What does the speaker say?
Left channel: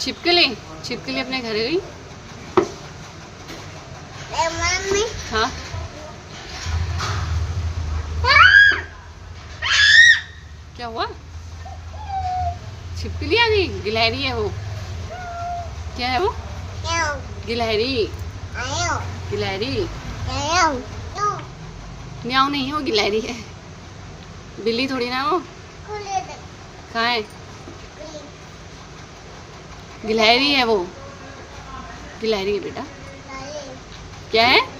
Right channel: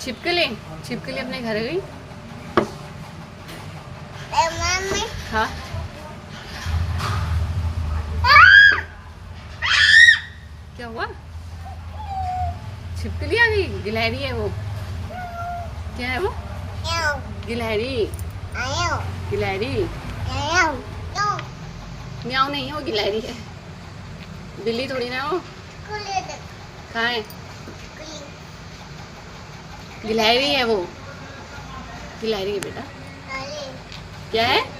छिपकली छिपकली अपने घर गई। हाँ क्या हुआ? छिपकली आ गई। गिलहरी है वो। क्या है वो? गिलहरी। गिलहरी म्याऊ नहीं है वो, गिलहरी है। बिल्ली थोड़ी ना वो। कहाँ है? गिलहरी है वो। गिलहरी है बेटा। क्या है?